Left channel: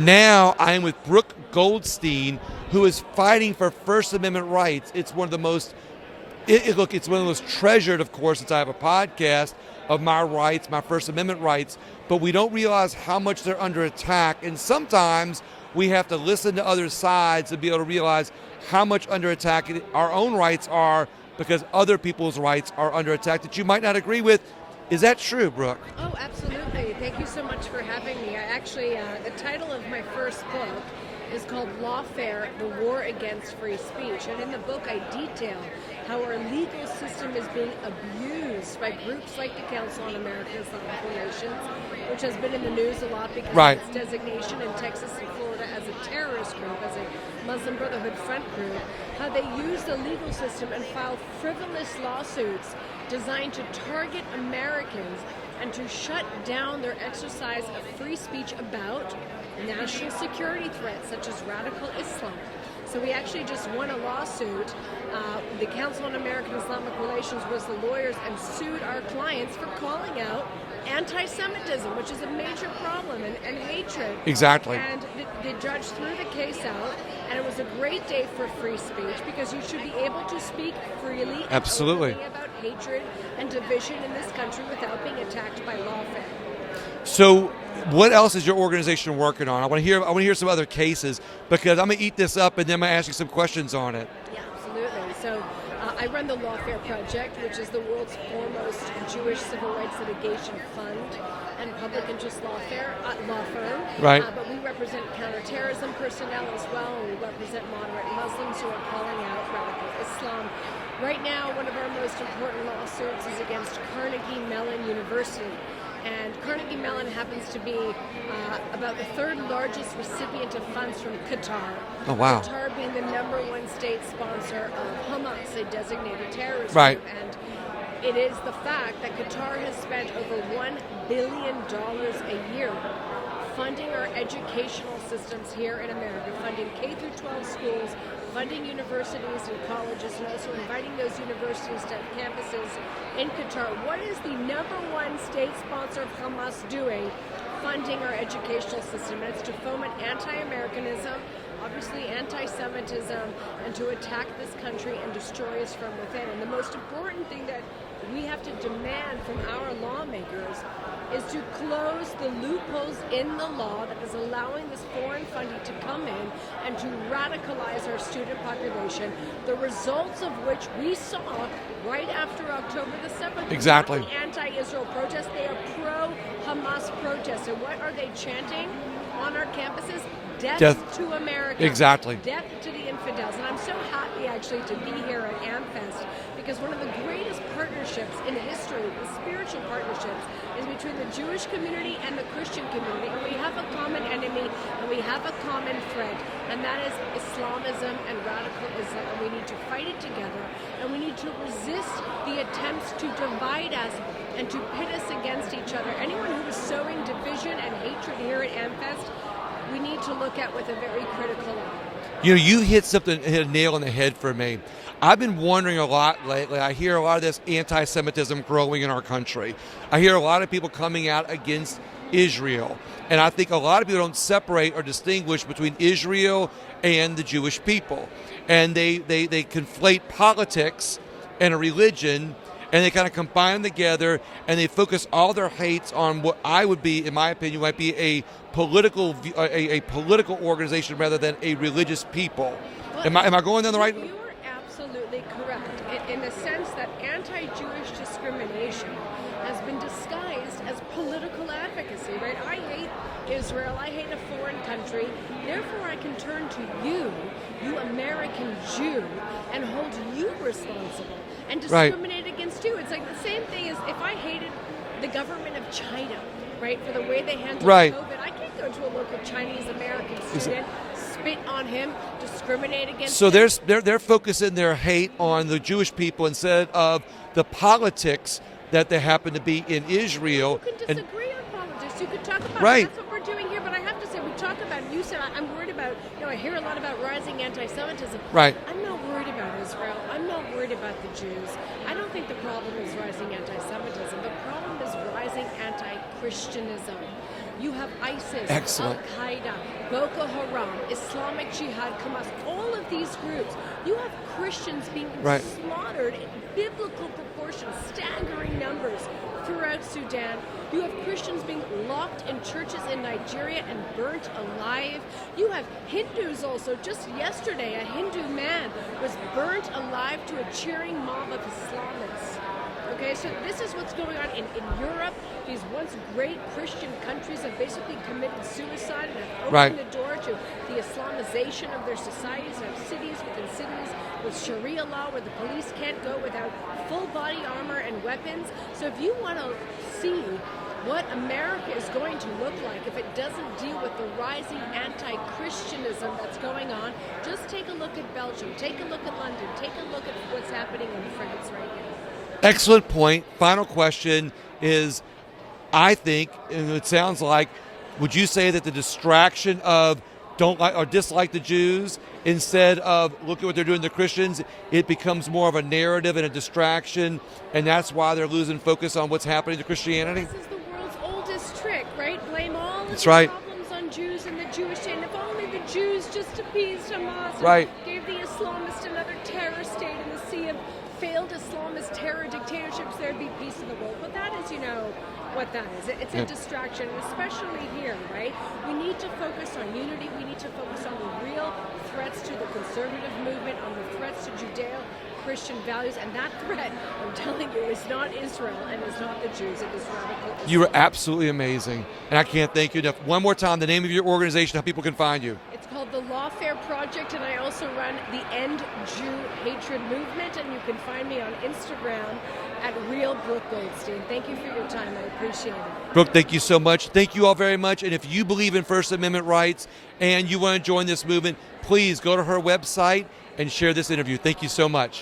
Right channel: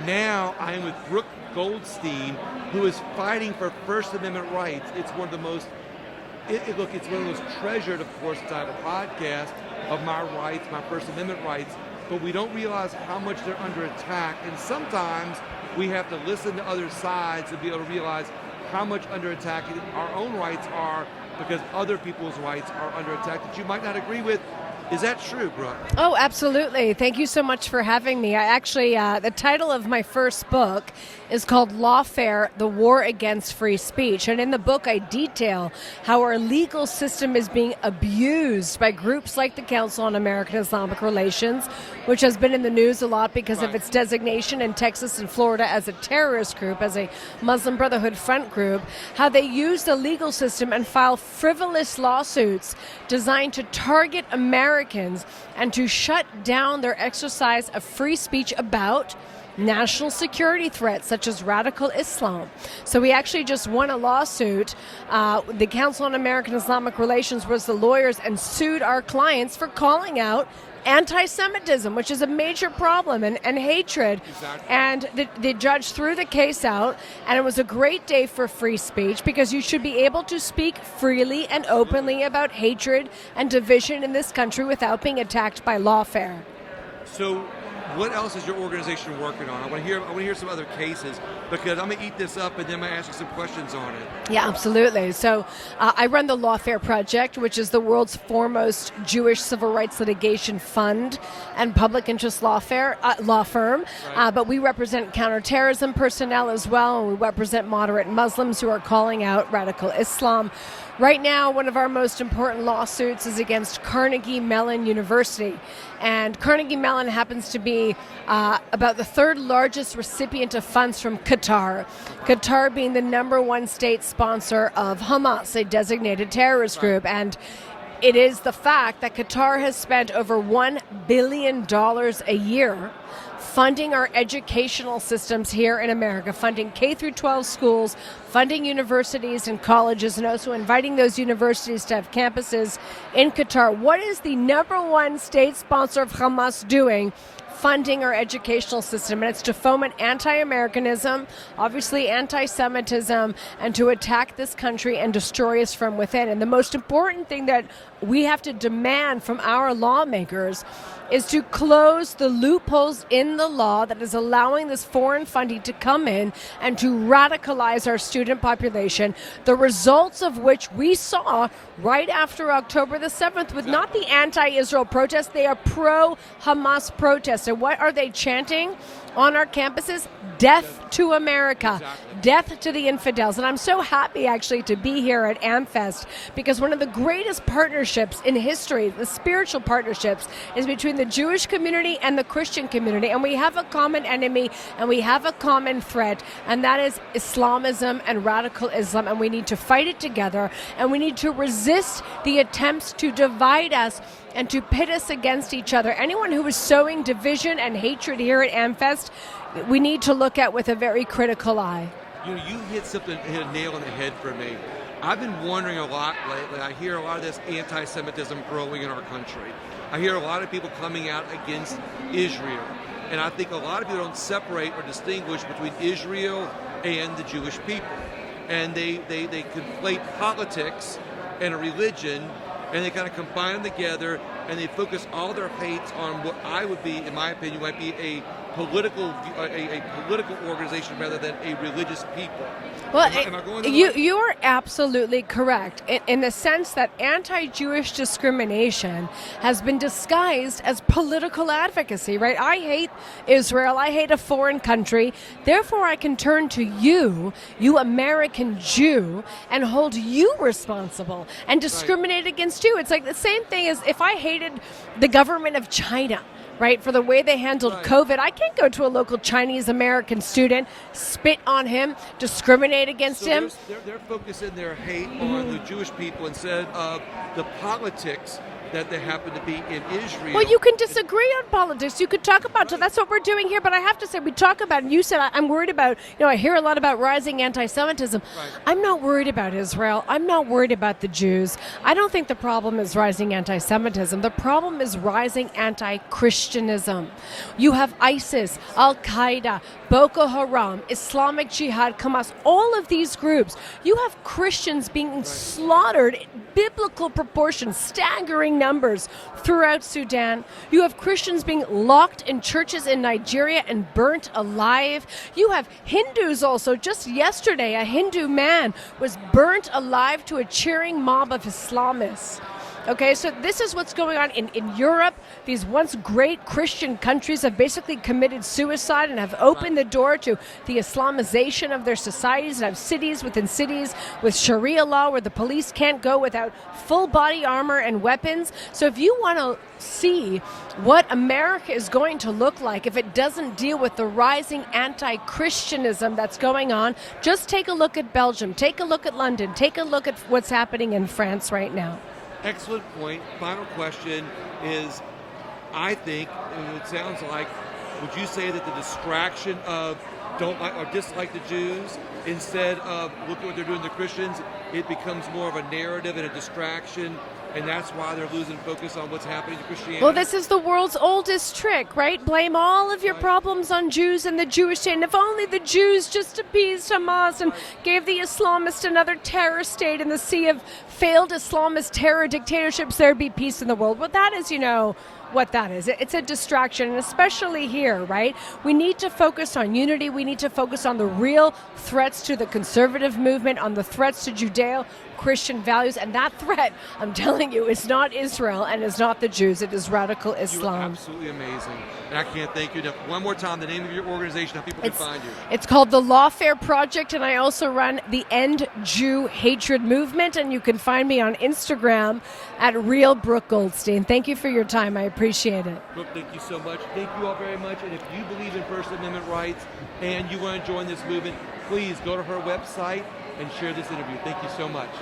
Now I'm with Brooke Goldstein, who is fighting for First Amendment rights. It's one of the most, it's one of the most treasured, of course, since I have a podcast of my rights, my First Amendment rights, but we don't realize how much they're under attack. And sometimes we have to listen to other sides to be able to realize how much under attack our own rights are, because other people's rights are under attack that you might not agree with. Is that true, Brooke? Oh, absolutely. Thank you so much for having me. I actually, the title of my first book is called Lawfare, The War Against Free Speech. And in the book, I detail how our legal system is being abused by groups like the Council on American-Islamic Relations, which has been in the news a lot because of its designation in Texas and Florida as a terrorist group, as a Muslim Brotherhood front group, how they use the legal system and file frivolous lawsuits designed to target Americans and to shut down their exercise of free speech about national security threats such as radical Islam. So we actually just won a lawsuit. The Council on American-Islamic Relations was the lawyers and sued our clients for calling out anti-Semitism, which is a major problem, and hatred. Exactly. And the judge threw the case out, and it was a great day for free speech because you should be able to speak freely and openly about hatred and division in this country without being attacked by lawfare. So what else is your organization working on? I want to hear some other cases, because I'm going to eat this up and then I'm going to ask you some questions on it. Yeah, absolutely. So I run the Lawfare Project, which is the world's foremost Jewish civil rights litigation fund and public interest law firm. Right. But we represent counterterrorism personnel as well, and we represent moderate Muslims who are calling out radical Islam. Right now, one of our most important lawsuits is against Carnegie Mellon University. And Carnegie Mellon happens to be about the third largest recipient of funds from Qatar. Oh, wow. Qatar being the #1 state sponsor of Hamas, a designated terrorist group. And it is the fact that Qatar has spent over $1 billion a year funding our educational systems here in America, funding K-12 schools, funding universities and colleges, and also inviting those universities to have campuses in Qatar. What is the #1 state sponsor of Hamas doing? Funding our educational system, and it's to foment anti-Americanism, obviously anti-Semitism, and to attack this country and destroy us from within. And the most important thing that we have to demand from our lawmakers is to close the loopholes in the law that is allowing this foreign funding to come in and to radicalize our student population, the results of which we saw right after October the 7th was not the anti-Israel protests, they are pro-Hamas protests. And what are they chanting on our campuses? Death to America. Exactly. Death to the infidels. And I'm so happy actually to be here at Amfest, because one of the greatest partnerships in history, the spiritual partnerships, is between the Jewish community and the Christian community. And we have a common enemy and we have a common threat, and that is Islamism and radical Islam. And we need to fight it together, and we need to resist the attempts to divide us and to pit us against each other. Anyone who is sowing division and hatred here at Amfest, we need to look at with a very critical eye. You know, you hit a nail on the head for me. I've been wondering a lot lately. I hear a lot of this anti-Semitism growing in our country. I hear a lot of people coming out against Israel. And I think a lot of people don't separate or distinguish between Israel and the Jewish people. And they conflate politics and a religion, and they kind of combine them together, and they focus all their hates on what I would be, in my opinion, might be a political organization rather than a religious people. Well, am I going down the right? You are absolutely correct in the sense that anti-Jewish discrimination has been disguised as political advocacy, right? I hate Israel. I hate a foreign country. Therefore, I can turn to you American Jew, and hold you responsible and discriminate against you. It's like the same thing as if I hated the government of China, right, for the way they handled COVID. I can't go to a local Chinese American student, spit on him, discriminate against him. So they're focusing their hate on the Jewish people instead of the politics that they happen to be in Israel. Well, you can disagree on politics. You could talk about it. That's what we're doing here. But I have to say, we talk about, and you said, I'm worried about, I hear a lot about rising anti-Semitism. Right. I'm not worried about Israel. I'm not worried about the Jews. I don't think the problem is rising anti-Semitism. The problem is rising anti-Christianism. You have ISIS, Al-Qaeda, Boko Haram, Islamic Jihad, Hamas, all of these groups. You have Christians being slaughtered in biblical proportions, staggering numbers throughout Sudan. You have Christians being locked in churches in Nigeria and burnt alive. You have Hindus also. Just yesterday, a Hindu man was burnt alive to a cheering mob of Islamists. Okay, so this is what's going on in Europe. These once great Christian countries have basically committed suicide and have opened the door to the Islamization of their societies, and have cities within cities with Sharia law where the police can't go without full body armor and weapons. So if you want to see what America is going to look like if it doesn't deal with the rising anti-Christianism that's going on, just take a look at Belgium, take a look at London, take a look at what's happening in France right now. Excellent point. Final question is, I think, and it sounds like, would you say that the distraction of don't like or dislike the Jews, instead of look at what they're doing to the Christians, it becomes more of a narrative and a distraction, and that's why they're losing focus on what's happening to Christianity? Well, this is the world's oldest trick, right? Blame all of your problems on Jews and the Jewish state. And if only the Jews just appeased Hamas and gave the Islamists another terror state in the sea of failed Islamist terror dictatorships, there'd be peace in the world. Well, that is, what that is. It's a distraction, and especially here, right? We need to focus on unity. We need to focus on the real threats to the conservative movement, on the threats to Judeo-Christian values, and that threat, I'm telling you, is not Israel and is not the Jews. It is radical Islam. You were absolutely amazing, and I can't thank you enough. One more time, the name of your organization, how people can find you. It's called the Lawfare Project, and I also run the End Jew Hatred Movement, and you can find me on Instagram at Real Brooke Goldstein. Thank you for your time. I appreciate it. Brooke, thank you so much. Thank you all very much. And if you believe in First Amendment rights and you want to join this movement, please go to her website and share this interview. Thank you so much.